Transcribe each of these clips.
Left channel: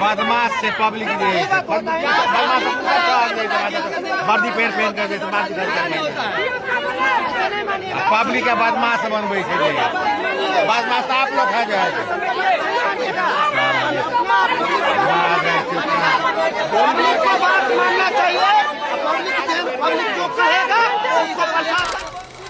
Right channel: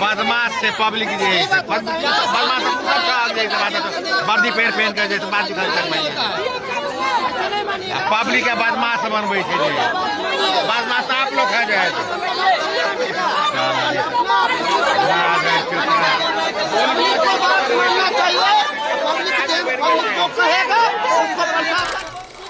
बदमाश से पब्लिक वर्दी पहन कर पब्लिक के बदमाश बनबे बदमाश आप लोग है मानना चाहिए। पब्लिक जो कहेगा उसको प्रशासन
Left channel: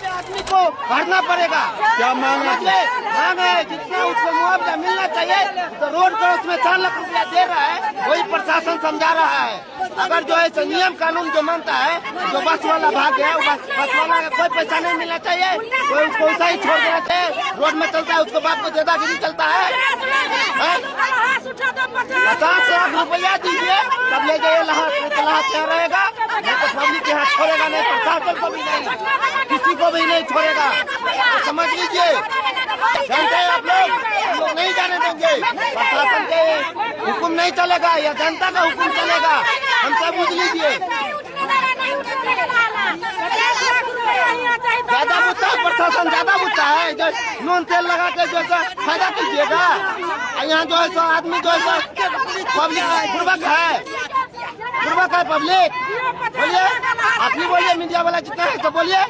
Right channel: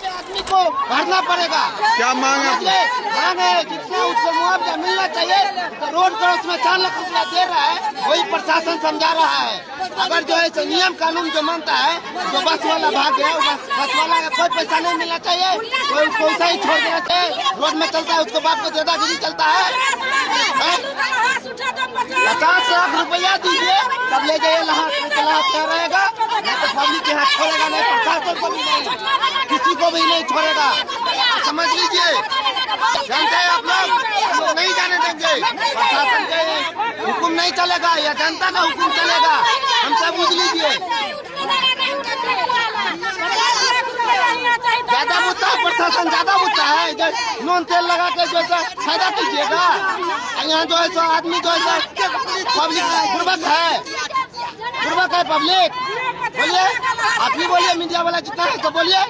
आदमी को भरना पड़ेगा। क्या मांग है? मांग है जितना उसको मुआवजा मिलना चाहिए। तो रोड क्रॉस में 4 लाख रुपया दे रहा है, वही प्रशासन समझा रहा है। अगर जो है नियम कानून जो मानता है, जो बस वाला भाग गया, बस वाला का कोई पैसा नहीं मिलना चाहिए, कोई उसको ऐसा ही छोड़ देना चाहिए। रोड में चलता है उसको बाप को दादागिरी चलता है। 50 लाख रुपया दीजिए तब ले जाइए लाहौर क्या रहेगा। पब्लिक के हाथ छोड़ेगा नहीं, प्रशासन को भी नहीं, किसी को भी नहीं छोड़ेगा। समझ लीजिए, जानते हैं आप लोग नहीं जाने देंगे। प्रशासन के हुक्म नहीं चलेगा, या जनता का हुक्म चलेगा। हमसे बुझ लीजिए। ज्यादा बुझता है प्रशासन, ज्यादा बुझता है। नून तेल लगा के जो फायदा कीजिएगा। यहाँ जो है सो आदमी जो है पब्लिक बुर्बक है पब्लिक। बोलिए, आप ही बोलिए, मीडिया वाला जितना है तो बोलिए,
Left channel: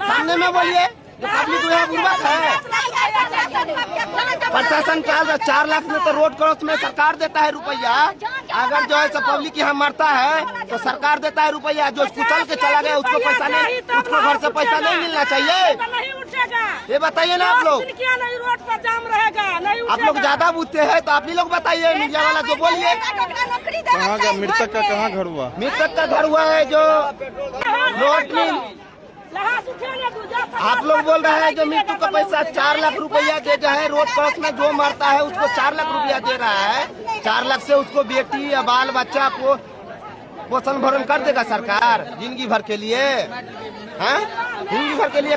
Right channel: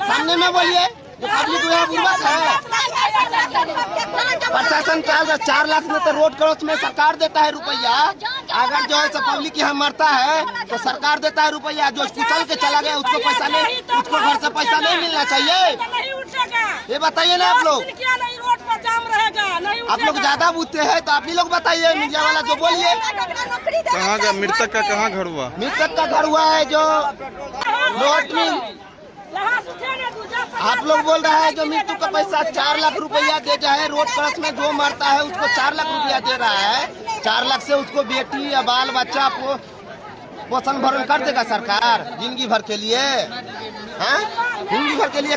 सामने में बोलिए। जो पब्लिक यहाँ बुर्बक है। प्रशासन क्या 4 लाख में तो रोड क्रॉस में सरकार देता है रुपया। अगर जो है तो पब्लिक यहाँ मरता है तो सरकार देता है रुपया। जो कुचल के चला गया उसको पैसा नहीं, उसको घर से पैसा नहीं मिलना चाहिए। ये बताइए ना आप लोग। आप लोग ज्यादा बुझते हैं तो आप ही लोग बताइए, मीडिया वाला जो बोलिए। कहाँ का मृतक का कहाँ घर हुआ? मृतक का घर हुआ है जो रोड में। आप लोग बोल रहा है जो मृत्यु का पैसा 4 लाख रुपया दे जाए। रोड क्रॉस में जो मरता है उसको 4 लाख रुपया दे रहा है। 4 लाख से उसको बेटी या बाल बच्चा को पोषण भरण कर देगा सरकार जिंदगी भर के लिए, हैं? जिंदगी भर के लिए।